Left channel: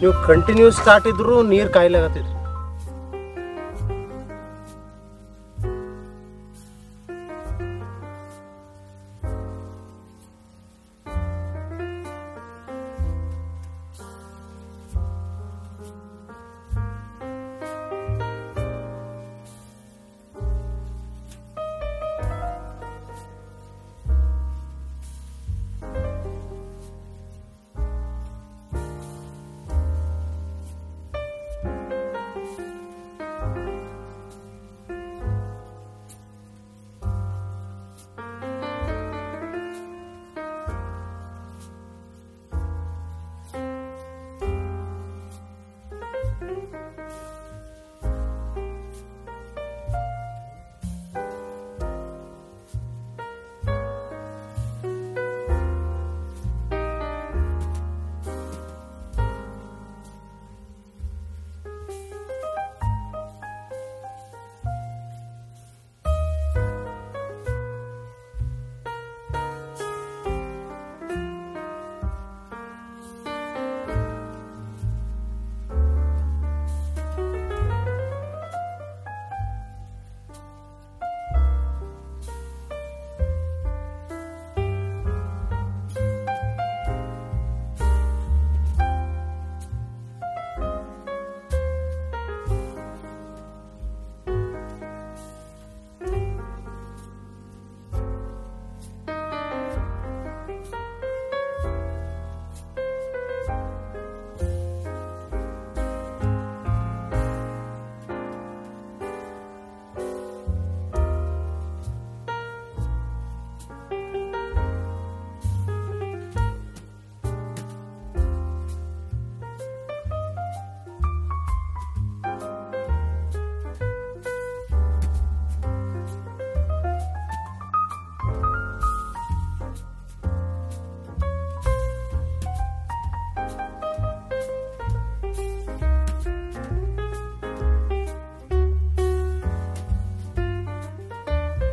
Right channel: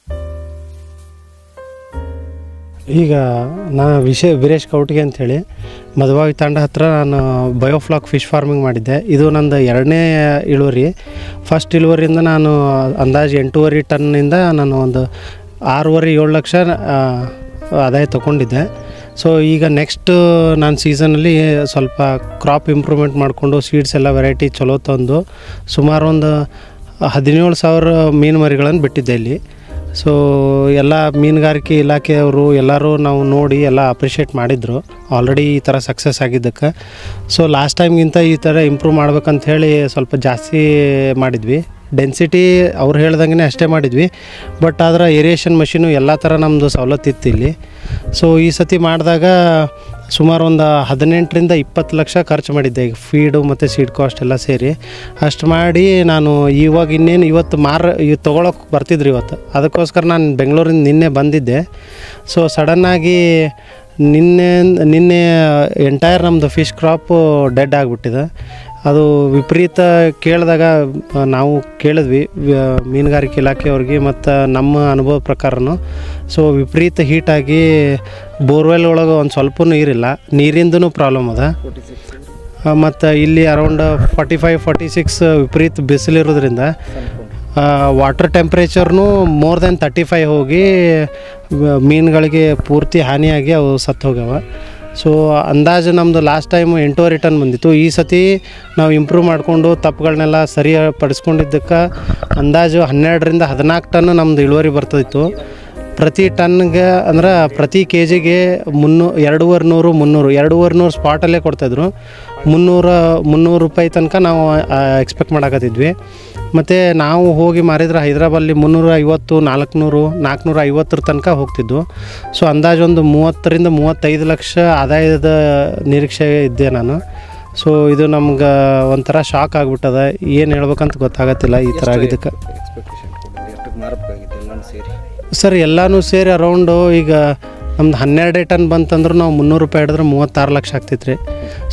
ನೀವು continuous start ಇದ್ರು ನೀರು ಕಾಯಿಲೆ ಆಗತ್ತಿತ್ತು. ಈಗ ನಾ ವೀರೇಶ್ ಕೌಟಿಗೆ ಅಂಥೇಳಿ ಮಧುವಾಗಿ ತಾಂಡ ಹತ್ರ ನಾನು ಬಯೋಫ್ಲಾಕ್ ಫಿಶ್ ಫಾರ್ಮಿಂಗ್ ಮಾಡಿದ್ದೆ. ಇದು ನಂದು 2ನೇ ಇಳುವರಿ. ಫಸ್ಟ್ ಇಳುವರಿಯಿಂದ ನಾನು ಅಂದಾಜು 8.5 ಟನ್ನಿಂದ ನಾನು ಒಂದು 6.5-7 ಲಕ್ಷ ಆದಾಯ ತೊಗೊಂಡಿದ್ದೆ. ಸೊ ಈಗ ನೆಕ್ಸ್ಟ್ ನಾನು ಸೀಸನಲ್ಲಿ ಸ್ವಲ್ಪ ಕ್ರಾಪ್ ಇಂಪ್ರೂವ್ಮೆಂಟ್ ಮಾಡಿಕೊಂಡು ಸೀಡ್ಸ್ ಎಲ್ಲ ವೆರೈಟಿ ಚಲೋ ತಂದು ಸುಮಾರು ಒಂದು 17,000 ಮೀನು ಮರಿಗಳನ್ನು ಬಿಟ್ಟಿದ್ದೆ ಇಲ್ಲಿ. ಸೊ ಎಲ್ಲ ಮೀನುಗಾರಿಕೆ ಇಲಾಖೆಯವರು ಎಲ್ಲರೂ ನಾವು ನೋಡಿ ಎಲ್ಲ ಅಪ್ರಿಷಿಯೇಟ್ ಮಾಡಿದರು ಆಲ್ರೆಡಿ ಈ ಥರ ಸಕ್ಸಸ್ ಆಗಿದ್ದಕ್ಕೆ. ಸೊ ಲಾಸ್ಟ್ ಟೈಮ್ಗಿಂತ ಈ ಥರ ಇಂಪ್ರೂವ್ ಮಾಡ್ಬೇಕಂತ ಹೇಳಿ ಸ್ವಲ್ಪ ಜಾಸ್ತಿ ಮಾಡಿದ್ವಿ. ಡೆನ್ಸಿಟಿ ಅವ್ರು ಹೇಳ್ದಂಗೆ ಅಷ್ಟೇ ಮಾಡಿದ್ವಿ. ಬಟ್ ಆದ್ರೆ ಏರಿಯೇಷನ್ ಮಷೀನು ಎಲ್ಲ ಥರ ನಮ್ಮದು ಸವಲತ್ತು ಇತ್ತು ಇಲ್ಲಿ. ಸೊ ಈ ಸತಿ ಮಾಡಿದಾಗ ಸುಮಾರು ಒಂದು 18-20 ಲಕ್ಷ ಖರ್ಚು ಮಾಡಿದ್ದೆ. ಈಗ ಫೀಡು ಮತ್ತು ಸೀಡ್ ಕಾಸ್ಟ್ ಎಲ್ಲ ಸೇರಿ ಅಷ್ಟು ಮಾಡಿ ನಾನು ಇವಾಗ ಇನ್ನೇನು ಇವತ್ತು ತೊಗೊಳಕ್ಕೆ ಬರ್ತಿದ್ರು ಇವತ್ತು. ಅದಕ್ಕೋಸ್ಕರ ನಾನು ಬೆಂಗಳೂರಿಂದ ನಿನ್ನೆ ಬಂದಿದ್ದೆ. ಸೊ ಸಡನ್ನಾಗಿ ನಿನ್ನೆ ಎಂಟೈರ್ ನಮ್ಮದು ಫಿಶ್ ಕ್ರಾಪು ಡೆಡ್ ಆಗಿಬಿಟ್ಟಿದೆ. ಅದು ವಿಪರೀತ ಕೇಳಿದಾಗ ನಾವು ಕೇಳಿದ್ವಿ ಮೀನುಗಾರಿಕೆ ಇಲಾಖೆಯವ್ರಿಗೆ ಮತ್ತು ನಮ್ಮ ಅನುಭವ ಪ್ರಕಾರನೂ. ಸೊ ವಿಪರೀತ ಹೀಟಾಗಿ ಬೋರ್ವೆಲ್ ಒಳಗೆ ಒಂದು ಸ್ವಲ್ಪ ನೀರಿಲ್ಲ, ನೀರಿಂದನೂ ಪ್ರಾಬ್ಲಮ್ ಅದ. ಮತ್ತು ಇಲ್ಲಿ ಅರೌಂಡ್ 45-46 ವಿಪರೀತ ಬಿಸಿಲಿರೋದ್ರಿಂದ ವಾಟರ್ ಟೆಂಪ್ರೇಚರ್ನೂ ಮೋರ್ ದೆನ್ 35 ಹೋಗಿ ಮೀನುಗಳಿಗೆ ಪೂರ್ತಿ ಹಾನಿಯಾಗಿ ಅವು ಸತ್ತು ಹೋಗ್ಯಾವ. ಸೊ ಅಂದಾಜು ನಮ್ಮದು ಲಾಸ್ಟ್ ಟೈಮ್ 8.5 ಟನ್ ಬಂದಿತ್ತು. ಈ ಸತಿ ನಾವು ಇಂಪ್ರೂವ್ ಮಾಡಿಕೊಂಡು ತಪ್ಪುಗಳನ್ನೆಲ್ಲ ಸರಿಪಡಿಸ್ಕೊಂಡಿದ್ದಕ್ಕೆ ಅಂದಾಜು 12-14 ಟನ್ ನಮ್ಮದು ಇಳುವರಿ ಬರ್ತಿತ್ತು. ಪ್ರತಿ ಟನ್ಗೆ ಅಂದ್ರೆ ಪ್ರತಿ ಕೆ ಜಿಗೆ 2,500 ಸ್ಪಾಟಲ್ಲೇ ಕೊಡ್ತಾಯಿದ್ರು. 300 ರೂಪಾಯಿ ತನಕ ನಾವು ಎಕ್ಸ್ಪೆಕ್ಟ್ ಮಾಡಕತ್ತಿದ್ವಿ. ಮತ್ತು ನಾವು ಹೋಗಿ ಮಾರಿದ್ರೆ ಹೈದ್ರಾಬಾದಲ್ಲಿ 350, 450 ತನಕ ಹೋಗ್ತಿದ್ವು. ಸೊ ಅಂದಾಜು ಒಂದು 30-35 ಲಕ್ಷ ಆದಾಯದ ನಿರೀಕ್ಷೆ ಇದ್ದೆ ನಾನು. ಸೊ ಇದು ನಮ್ಗೆ ಒಂಥರ ಶಾಕ್ ಆಗಿಬಿಟ್ಟದ. ಏನು ಹೇಳ್ಬೇಕಂತ ಗೊತ್ತಾಗತ್ತಿಲ್ಲ ಈ ಥರ ಆಗಿದ್ದಕ್ಕೆ. ಸರ್ ಎಲ್ಲನೂ ಸೇರಿ ಅರೌಂಡು ಈಗ ನಮ್ದು 12 ಟನ್ ಬಂತಂದ್ರೆ ನಾವು 300 ರೂಪಾಯಿ ಹಿಡಿದ್ರೆ 36 ಲಕ್ಷ ಆಗ್ತೈತೆ ರೀ.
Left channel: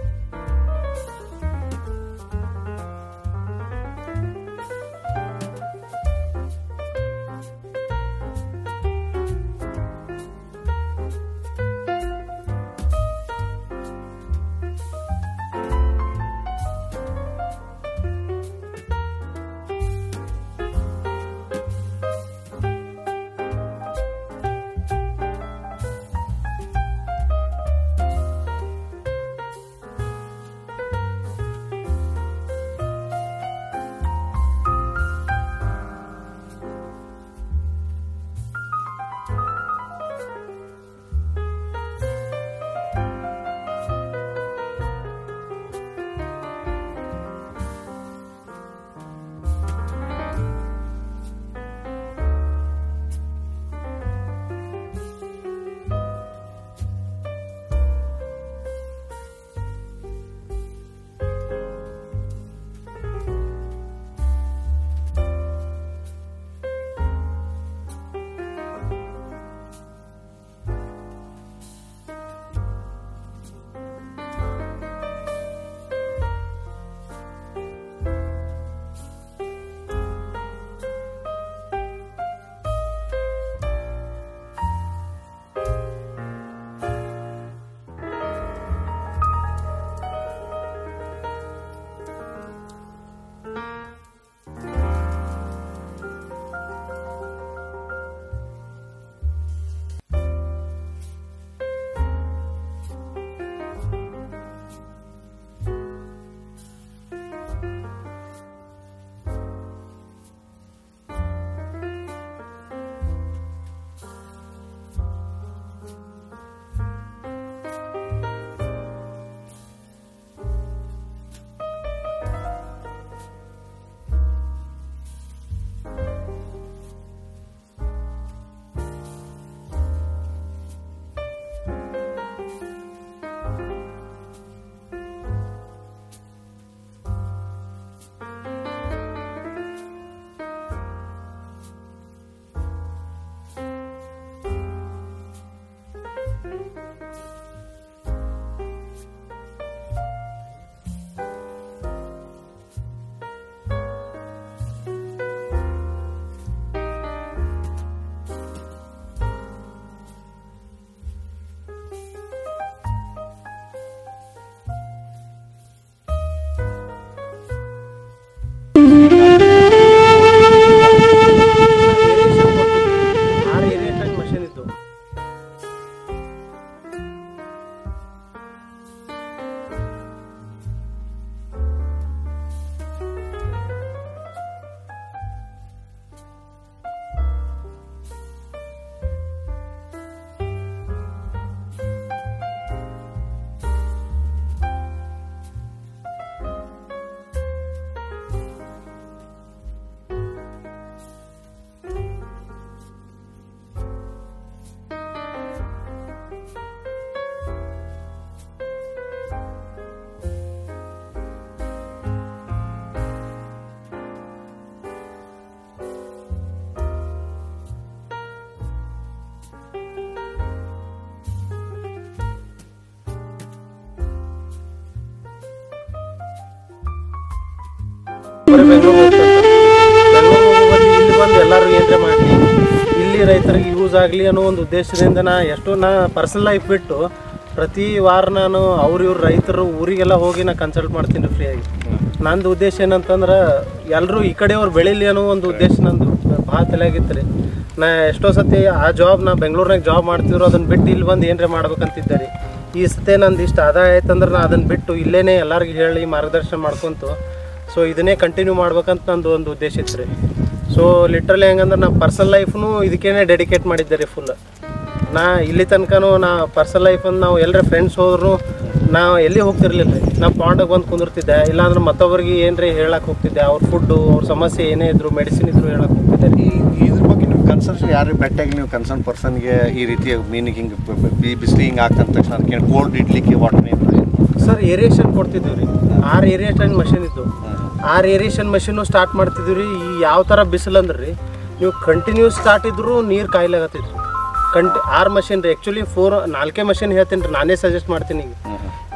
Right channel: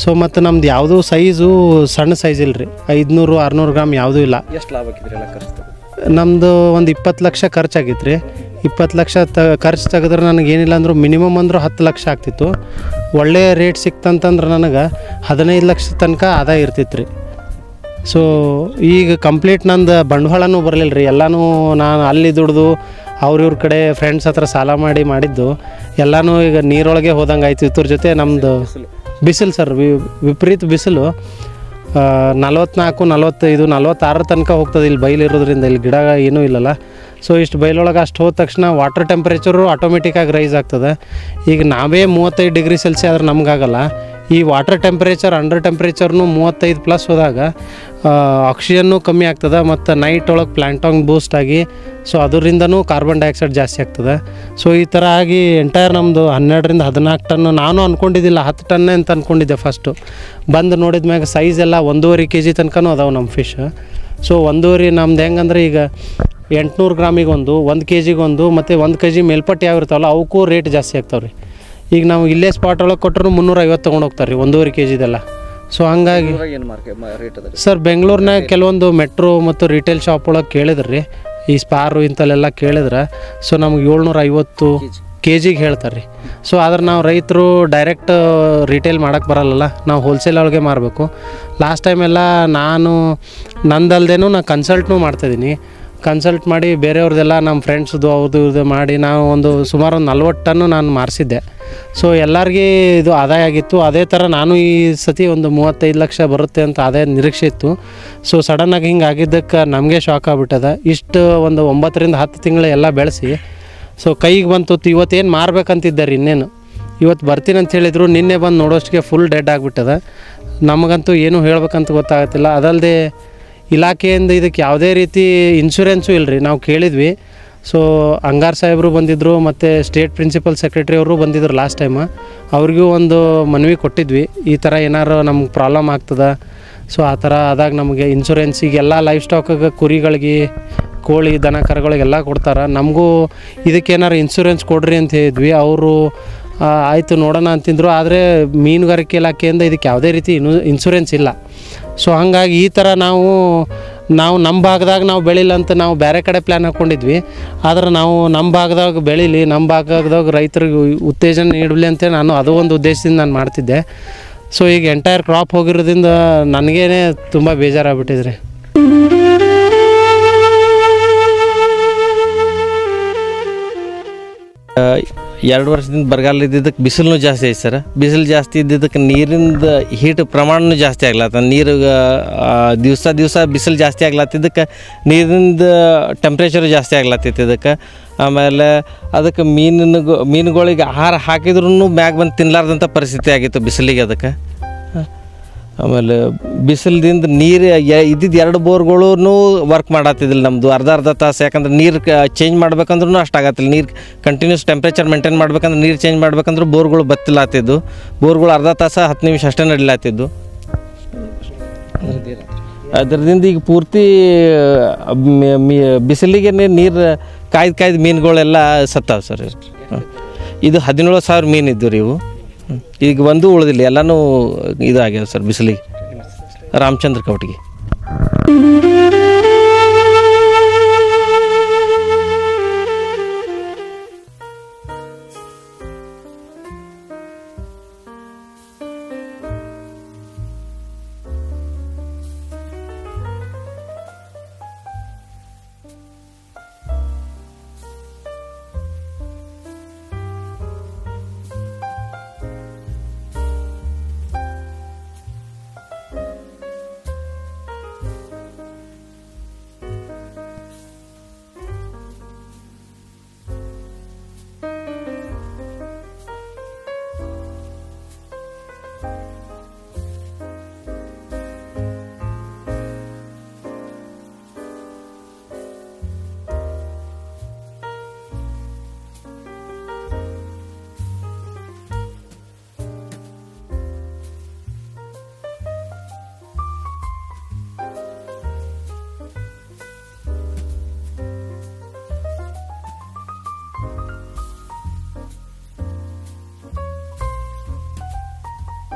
ಸೊ ಮತ್ತು ನಮ್ದು ಯಾವುದೂ ಸೈಜು ಸಣ್ಣ ಸೈಜ್ ಇಲ್ಲ ರೀ. 500-600 ಗ್ರಾಮ್ ಯಾವುದೂ ಇಲ್ಲ. ಎಷ್ಟು ಲಾಭ ನಮ್ಮದು ಒಂದು 20 ಲಕ್ಷ ಖರ್ಚಾಗಿತ್ತು ರೀ. 20 ಲಕ್ಷ ಖರ್ಚು ತೆಗೆದ್ರೆ ನನಗೇನಿಲ್ಲ ಅಂದರೂ ಮಿನಿಮಮ್ ಅಂದರೂ 10 ಲಕ್ಷ ಆಗ್ತಿತ್ತು. ಒಳ್ಳೆಯ ರೇಟ್ ಸಿಕ್ತಂತಂದ್ರೆ ನನಗೆ 15 ಲಕ್ಷ ತನಕ ಆದಾಯ ಇರ್ತಿತ್ತು ರೀ. ಸೊ ಈಗ ಕಂಪ್ಲೀಟ್ ನಂದು ಬಂಡವಾಳನೂ ಬರಲಿಲ್ಲ ರೀ. ಎಲ್ಲನೂ ನಾನು ಅಲ್ಲಿ ದುಡ್ದು ಅವ್ರಿವ್ರ ಕಡೆ ಫ್ರೆಂಡ್ಸ್ ಹತ್ರ ಸಾಲ ಮಾಡಿದ್ದು ಎಲ್ಲನೂ ಈಗ ನೀರೊಳಗೆ ಹೋದಂಗೆ ಆಯ್ತು. ಇದ್ರ ಜೊತೆ ನಮ್ಮದು ಬಿಸಿಲು ಸರ್ ವಿಪರೀತ ಬಿಸಿಲು 44, 45, 46 ತನಕ ಹೋಗ್ತದೆ ಇಲ್ಲಿ ಬಯಲಿರೋದ್ರಿಂದ. ಇಲ್ಲಿ ಗಿಡ ಏನೂ ಇಲ್ಲಲ್ಲ. ಸೊ ಇಷ್ಟು ಬಯಲೊಳಗೆ ಅಷ್ಟು ಹೋದ ತಕ್ಷಣ ವಾಟರ್ ಟೆಂಪ್ರೇಚರು ಆಟೋಮೆಟಿಕ್ಕಾಗಿ ರೈಸ್ ಆಗ್ತದೆ. ಈಗ ನಾವೇ 35 ಡಿಗ್ರಿ ಸೆಲ್ಸಿಯಸ್ ಆದ್ರೆ ನಮಗಾಗಲ್ಲ. ಈ ವಾಟರ್ ಟೆಂಪ್ರೇಚರ್ ಅಂಡರ್ ಟೆಂಪ್ರೇಚರ್ನು 35+ ಹೋದಾಗ ಆಕ್ಸಿಜನ್ನು ಕಮ್ಮಿ ಆಗ್ತದೆ. ಮತ್ತು ನೈಟ್ ಒಳಗೆ ಪ್ಲ್ಯಾಂಟಾಂಗ್ ಬೂಸ್ಟ್ ಆಗಿ ಸೊ ಅದರಿಂದನೂ ಕಾರ್ಬನ್ ಡೈಆಕ್ಸೈಡ್ ಜಾಸ್ತಿ ಆಗ್ತದೆ. ಸೊ ಈ ಥರ ಆಗಿ ಎಂಟೈರ್ ನಮ್ಮದು 12-14 ಟನ್. ನಾನು ಅಂದ್ಕೊಂಡಿದ್ದಿಲ್ಲ 10 ಟನ್ನೇ ಅಂತ ಅಂದ್ಕೊಂಡಿದ್ದೆ ಫಸ್ಟು. ಬಂದು ನೋಡಿದ ಮ್ಯಾಗ ಸೈಜ್ ಎಲ್ಲ 1.5 kg ತನಕನೂ ಅದಾವೆ ನಮ್ಮ ಫಿಶ್. ಸೊ 1.5 ನಮ್ದು ಹೆಂಗಂದ್ರೆ ಈಗ 800 ಗ್ರಾಮಿಗೆ 1 kg ಮತ್ತು 1 kg ಮೇಲ್ಪಟ್ಟು ಯಾವ ಇರ್ತಾವಲ್ಲ ಅವಕ್ಕೂ ರೇಟ್ ಜಾಸ್ತಿ ಆಗ್ತಾವೆ ರೀ. ಈಗ ನಾವು ಇಲ್ಲೇ ಸ್ಪಾಟ್ ಒಳಗೆ ಕೊಟ್ಟರು 350 ತೊಗೊಂಡು ಹೋಗ್ತಾರೆ ರೀ 1.5 kg. ಸೊ ಹಂಗಾಗಿ ಸರ್ ಬೆಂಗಳೂರಿನಾಗ ಕೆಲವೊಂದು ಮೆಟ್ರೋ ಮತ್ತು ರಿಟೇಲ್ ಶಾಪ್ ಒಳಗೆ ಕೇಳಿದ್ರಿ ರೀ ಈ ಸ್ಪಾರು ಇಂಥಲ್ಲೆಲ್ಲ ಕೇಳಿದ್ರೆ. ಸೊ ನಮ್ಗೆ 750 kg ಹೇಳ್ತಾರೆ ರೀ. ಸೊ ಆದ್ರೆ ನಾವು ರೈತರು ಡೈರೆಕ್ಟ್ ರಿಟೇಲ್ ಮಾಡೋಕ್ಕೆ ಬರಲ್ಲಲ್ಲ, ನಾವು ಹೋಲ್ಸೇಲ್ ಒಳಗೆ ಮಾರಬೇಕು. ಲಾಸ್ಟ್ ಟೈಮೆಲ್ಲ ನಂದಲ್ದೇನು ನಾನು ಕನ್ಸಲ್ಟ್ನೂ ಮಾಡ್ತಾಯಿದ್ದೀನಿ. ಕನ್ಸಲ್ಟ್ ಮಾಡಿ ಬೇರೆಯವ್ರದ್ದೆಲ್ಲ ನಮ್ಮ ಫ್ರೆಂಡ್ಸ್ದು ಅವ್ರದ್ದು ಮಾಡಿ ನಾವು ಸುಮಾರು 40 ಟನ್ನು ನಾನು ಮಾರಿಸಿದ್ದೆ. ಸೊ ಎಲ್ಲರಿಗೆ ಇದು ಆದಾಯ ಆಗಿತ್ತು. ಅದೇ ಥರ ನಾನು ಈ ಸತಿ 35 ಲಕ್ಷ ಬರುತ್ತೆ ಅಂತ ಆದಾಯ ನಿರೀಕ್ಷೆ ಇತ್ತು. ಸೊ ಸಡನ್ನಾಗಿ ಹಿಂಗೆ ಆಗಿದ್ದಕ್ಕೆ ನಮಗೆ ಶಾಕ್ ಆಗಿಬಿಟ್ಟದ. ಇಷ್ಟು 9-10 ತಿಂಗಳು ಎಲ್ಲ ಬೆಳೆಸಿ ಸೊ ಕೈಗೆ ಬಂತು. ಇವತ್ತೇನು ಮಾರ್ಬೇಕಂತಿದ್ದಾರೆ ಇನ್ನೇನು ಇವತ್ತು ಬರ್ತೀನಿ ಅಂತ ಹೇಳಿದರು. ನಿನ್ನೆ ಬಂದು ನೋಡೋಷ್ಟಿಗೆ ಫುಲ್ ಡೆಡ್ ಆಗಿಬಿಟ್ಟದ. ನಮಗಂತೂ ಏನೂ ಹೇಳ್ಬೇಕಂತ ಗೊತ್ತಾಗತ್ತಿಲ್ಲ. ಅದಲ್ಲದೆ ಇಲಾಖೆಯಿಂದ ಇದಕ್ಕೆ ಯಾವುದೇ ರೀತಿ ಇನ್ಶೂರೆನ್ಸು ಇಲ್ಲ ರೀ. ನಾವು ಕೇಳಿದ್ವಿ. ಸೊ ಅಂಗಾರ್ ಸಾಹೇಬರು ಬಂದಿದ್ದರು ಮತ್ತು ಸ್ಟೇಟ್ ಪ್ರಿನ್ಸಿಪಲ್ ಸೆಕ್ರೆಟರಿ ಅವರು ಬಂದಿದ್ದರು ಲಾಸ್ಟ್ ಟೈಮ್. ಅವ್ರಿಗೂ ಒಂದು ಮನವಿ ಕೊಟ್ಟಿದ್ವಿ, ಈ ಥರ ಏನಾರು ನಮ್ಗೆ ಪ್ರಾಬ್ಲಮ್ ಆಗ್ತದೆ. ಸೊ ಆ ಥರ ಆದಾಗ ನಮಗೆ ಇನ್ಶೂರೆನ್ಸಿಗೆಲ್ಲ ಲೈಫ್ ಸ್ಟಾಕಿಗೆ ಕುರಿಗಳಿಗೆ ಕೋಳಿ ದನ ಕರುಗಳಿಗೆಲ್ಲ ಕೊಡ್ತಾರೆ. ನಮಗೂ ಇದಕ್ಕೇನಾರು ಇನ್ಶೂರೆನ್ಸ್ ಕೊಡ್ರಿ ಅಂತ ಹೇಳಿದ್ವಿ. ಅವರು ಆಯಿತು ನೋಡೋಣ ಅಂತಿದ್ರು. ಆದರೆ ಮೀನುಗಾರಿಕೆ ಇಲಾಖೆಯಿಂದ ಇದಕ್ಕೆ ಯಾವುದೇ ರೀತಿ ಇನ್ಶೂರೆನ್ಸ್ ಇಲ್ಲ. ಸೊ ಹಾಗಾಗಿ ಈ ಥರ ನಾವು ನಮ್ಮ ಭಾಗದಾಗ ನಾವು ಬೆಳಿಲ್ಲ ಅಂತ ನಾವು ಬೇರೆ ಕಡೆ ಪ್ಲ್ಯಾನ್ ಹಾಕ್ಕೊಂಡಿದ್ವಿ. ಆದ್ರೆ ನಾವು ನಮ್ಮ ಭಾಗದಾಗ ಬೆಳೀಲಿ, ನಮ್ಮ ಭಾಗದಾಗ ರೈತರಿಗೆ ಉತ್ತೇಜನ ನೀಡಲಿ ಅಂತೇಳಿ ನಾನು ಅದು ಒಂದು ಉದ್ದೇಶದಿಂದ ನಾನು ಮಾಡ್ತಿದ್ದೆ. ಸೊ ಈಗ ಎಂಟೈರ್ ಕ್ರಾಪ್ ಹೋಗಿರೋದ್ರಿಂದ ನನಗೇನೆ ತುಂಬ ಬೇಜಾರಾಗ್ಬಿಟ್ಟಿದ್ರಿ. ಎರಡು ವರ್ಷದಿಂದ ಬರಗಾಲ ಇದ್ದಿದ್ದಕ್ಕೆ ಬಿಸಿಲು ಜಾಸ್ತಿ ಐತೆ ಸರ್. ಬಿಸಿಲು ಜಾಸ್ತಿ ಇದ್ದಿದ್ದಕ್ಕೆ ನೀರಿಂದ ಹೀಟ್ ಪ್ರಮಾಣನೂ ಜಾಸ್ತಿ ಆಗ್ಲತ್ತ. ನೀರು ದಿವಸ ಬಿಸಿಲು ಜಾಸ್ತಿ ಆಗ್ಲತ್ತಿದ್ದಕ್ಕೆ ನೀರಿಂದ ಟೆಂಪ್ರೇಚರ್ ಜಾಸ್ತಿ ಆಗ್ಲತ್ತೈತಿ ಇದಕ್ಕೆ. ಆಮೇಲೆ ಅದಕ್ಕೆ ಮೀನುಗಳಿಗೆ ಆಹಾರ ಹಾಕಿದ್ರೂ ಮ್ಯಾಗ ಬಂದು ತಿನ್ನಲಾರ್ದಂಥ ಪರಿಸ್ಥಿತಿ ಆಗಿತ್ತು ಬಿಸಿಲಿಗೆ ಅದಕ್ಕೆ. ಆಮೇಲೆ ಬಿಸಿಲದಿಂದ ನೀರು ಇದ್ದಿದ್ದು 2 ಬೋರ್ಗಳೂ ವರ್ಕ್ ಮಾಡತ್ತಿದ್ದಿಲ್ಲ ನಮ್ಮದು ಅರ್ಧ ತಾಸು. ಯಾಕಂದ್ರೆ ನೀರು ಚೇಂಜ್ ಮಾಡ್ಬೇಕಂದ್ರೂ ಅಷ್ಟಾಗತ್ತಿಲ್ಲ. ನೀರು ಕಂಟಿನ್ಯೂಸ್ ಟೆಂಪ್ರೇಚರ್ ಮೇಂಟೈನ್ ಮಾಡ್ಬೇಕಂದ್ರೆ ನೀರು ಚೇಂಜ್ ಮಾಡ್ಬೇಕಂದ್ರೆ ಬೋರ್ಗಳು ಬತ್ತಿಲಾತಿದ್ದು. ಬೋರ್ಗಳು ಅರ್ಧ ತಾಸು 10 ನಿಮಿಷ ಅಷ್ಟೇ ನಡಿಲಾತಿದ್ದು. ಅದರಿಂದ ಈಗ ಪೂರ್ತಿ ಬಿಸಿಲಿಗೆ ನೀರು ಕಾಯ್ದು ಮೀನುಗಳೆಲ್ಲ ಸತ್ತಾವೆ ಸರ್. ಇದು 17,000 ಮೀನು ಇದ್ದು ರೀ ಇವು. ಈಗ ಒಂದು ಉಳಿದಿಲ್ಲ, ಎಲ್ಲನೂ ಇದಾಗ್ಯಾವ ಸರ್ ಬಿಸಿಲಿಗೆ. ರಾಮಚಂದ್ರ ಕವಟಿಗೆ. ಇಲ್ಲಿ ರೈತರಿಗೆ ಯೂಸ್ ಆಗಲಿ ಅನ್ನೋ ಒಂದು ಉದ್ದೇಶದಿಂದ ನಾ ಪರ್ಸನಲ್ ಲೈಫ್ ಬಿಟ್ಟು ಪ್ರತಿ ವಾರ ನಾನು ಇವ್ರು ರೈತರು ಊರಿಗೆಲ್ಲ ಹೋಗಿ ನಾ ಕನ್ಸಲ್ಟ್ ಮಾಡ್ತೀನಿ ಫ್ರೀಯಾಗಿ. ನಂದು ಉದ್ದೇಶ ಏನಂತಂದ್ರೆ ಎಲ್ಲರೂ ಈ ಕಡೆಯವ್ರು ಬೆಳೀಲಿ ಅನ್ನೋ ಒಂದು ಉದ್ದೇಶ ನಂದು ಭಾಳ ತಲೆಯಾಗಿತ್ತು ರೀ. ನಾ ಎಷ್ಟೋ ಸತಿ ಆ ಜಾಬ್ ನಾ ಬೆಂಗಳೂರಿನಾಗ ಜಾಬ್ ಮಾಡ್ತಿದ್ರು, ಅದನ್ನು ಬಿಟ್ಟು ಇಲ್ಲಿ ಬಂದು ಏನರೇ ಮಾಡ್ಬೇಕಂತಿದ್ದೆ ರೀ. ಈ ಸತಿ ನಂದು ಇಷ್ಟು ಆದಾಯ ಆಯ್ತಂದ್ರೆ ನಾ ಅದನ್ನು ಬಿಟ್ಟು ಇಲ್ಲೇ ಎಲ್ಲರಿಗೂ ಹೇಳಿ ಮಾರ್ಗದರ್ಶನ ಮಾಡ್ಕೊತು ಸೊ ಇದನ್ನೇ ಕಂಟಿನ್ಯೂ ಮಾಡ್ಬೇಕಂತ ನಂದು ಒಂದು ಉದ್ದೇಶ ಇತ್ತು ರೀ. ಸೊ ಲಿಟ್ರಲಿ ಹೆಂಗಂದ್ರೆ ನಾ ಪರ್ಸನಲ್ ಲೈಫ್ನು ಇದಕ್ಕೇ ಡೆಡಿಕೇಟ್ ಮಾಡಿದ್ದೆ ರೀ ಫುಲ್. ನಾ ಇಲ್ಲಿ ತನಕನೂ ನಾ ಪರ್ಸನಲ್ ಲೈಫನ್ನು ನಾವು ಎಲ್ಲರ ಫ್ರೆಂಡ್ಸ್ ಹೋದ್ರು ನಾವು ಎಲ್ಲಿ ಹೋಗ್ತಿರ್ಲಿಲ್ಲ ರೀ. ನಾ ಪಾಂಡಾಗ ಬಂದು ಕುಂದಿರ್ತಿದ್ದೆ, ಇಲ್ಲಾಂದ್ರೆ ಮತ್ತೊಬ್ಬರಿಗೆ ಏನ್ರಿ ಹೇಳಕ್ಕೆ ಹೋಗ್ತಿದ್ದೆ. ಅವ್ರ ಫುಡ್ಡು ಅವ್ರ ಸಮಸ್ಯೆ ಏನೇ ಇದ್ರು ಮೆಡಿಸಿನ್ ಇದ್ರು ಹೇಳಕ್ಕೆ ಹೋಗ್ತಿದ್ದೆ ರೀ. ಇದ್ರ ಬಗ್ಗೆ ನೀವು ಕನ್ಸರ್ನ್ ಯಾರಿಗೆ ಬೆಟ್ಟಾಗಿ ನೀವು ಕನ್ಸರ್ನ್ ಪರ್ಸನ್ಗೆ ಈ ರೀತಿ ಮೀನಿಗೆ ಹಿಂಗೆ ಬಿಸಿಲು ಹಿಂಗೆ ಆಗ್ತಂದ ತಕ್ಷಣ ಅದಕ್ಕೆ ಕೋಲ್ಡ್ ಇಡ್ಲಿಕ್ಕೆ ವಾಟರ್ ಸರ್ ಏರಿಯೇಷನ್ ಕೊಡ್ತಿದ್ದೀವಿ ರೀ. 6 ಏರಿಯೇಷನ್ ಮಷಿನ್ ಇತ್ತು. 6 ಏರಿಯೇಷನ್ ಮಷಿನ್ನು ಸ್ಟಾರ್ಟ್ ಮಾಡ್ತಿದ್ದೀವಿ ರೀ. ಈ ಯಾವ ಥರ ಬಿಸಿಲು ಅಂದ್ರೆ ರೀ ನೀವು ಕಂಟಿನ್ಯೂಸ್ ಸ್ಟಾರ್ಟ್ ಇದ್ದರೂ ನೀರು ಕಾಯಿಲಾಗತ್ತಿದ್ರಿ. 6 ಮಷಿನ್ ರೀ. ಆ್ಯಕ್ಚುಲಿ 4 ಮಷಿನ್ ಹೇಳ್ತೀನಿ ರೀ, ನಾನೇ ಸಜೆಸ್ಟ್ ಮಾಡ್ತೀನಿ. ಈಗ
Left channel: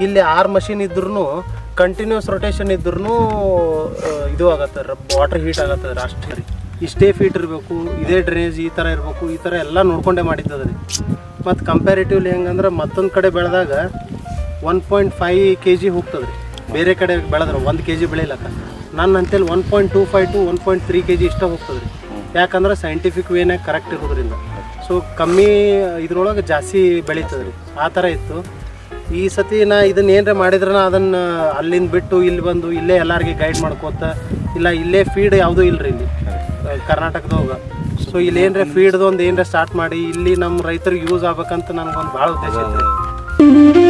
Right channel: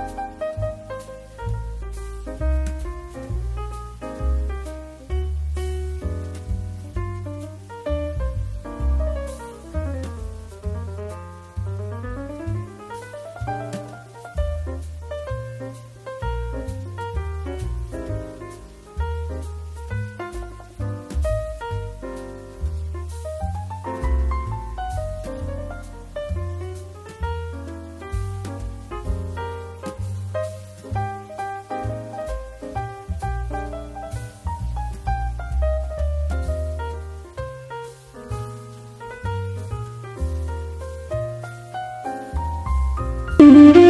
ಇಲ್ಲಿ 6 ಮಷಿನ್ ಇದ್ರೂ ಕಂಟಿನ್ಯೂಸ್ ರೊಟೇಷನ್ ಇದ್ರೂ ಇದು ಆಗತ್ತೆ ರೀ, ವಾಟರ್ ಹೀಟ್ ಆಗತ್ತದ ರೀ. ಅಷ್ಟೇ ರೀ. ಇಷ್ಟೇ ಫೀಟ್ ಇರಬೇಕು, ಇದೇ ಡ್ರೈನೇಜ್ ಈ ಥರ ಇರಬೇಕು, ಈ ಥರ ಎಲ್ಲ ನೋಡ್ಕೊಂಡೇ ಮಾಡಿದ್ದದ ರೀ. ಮತ್ತು ಕಂಪ್ಯಾರಿಟಿವ್ಲಿ ಹೆಂಗಂದ್ರೆ ಮತ್ತೊಂದು ಕಡೆ ಬೆಳೆದಾಗ 1.5 kg ಹೋಗ್ತದೆ ರೀ. ಬೇರೆ ಕಡೆ ಬೆಳೆದ್ರೆ 1 kg ಬೆಳಿಲಕ್ಕ ನನ್ನ ಅಂತೇಳಿ 1.25 to 1.3 kg ಇಷ್ಟ ಹೋಗ್ತದೆ ರೀ. ಯಾಕಂದ್ರೆ ಸೈಂಟಿಫಿಕ್ ವೇನಾಗ ಕರೆಕ್ಟ್ ಇರೋದ್ರಿಂದ. ಸೊ ಕಮ್ಮಿ ಇದ್ರೊಳಗೆ ಜಾಸ್ತಿ ಬೆಳೀತದೆ ರೀ. ಆ ಥರ ಇತ್ತು. ಈ ಸತಿ ನಾ ಇದನ್ನ ಏನರ ಮಾಡಿದ್ರೆ ಅದನ್ನು ಅಲ್ಲಿಂದ ಬಿಟ್ಟು ಇಲ್ಲಿ ಬಂದು ಇಲ್ಲೇ ಎಲ್ಲರಿಗೆ ಗೈಡ್ ಮಾಡ್ಕೋತ ಇಲ್ಲ ಇಲ್ಲೇ ಫೀಡ್ ಯಾವುದೂ ಇಲ್ಲರಿ ಇಲ್ಲಿ ಕರ್ನಾಟಕದಾಗ. ಸೊ ಇಲ್ಲಿ ಏನರ ಫೀಡ್ದು ಒಂದು ಏನರ ಸ್ಟಾರ್ಟ್ ಮಾಡಿ ಇಲ್ಲಿ ನಮ್ಮ ರೈತರಿಗೆ ಯೂಸ್ ಆಗ್ಬೇಕಂತ ನನಗೊಂದು ಭಾಳ ಉದ್ದೇಶ ಐತೆ ರೀ.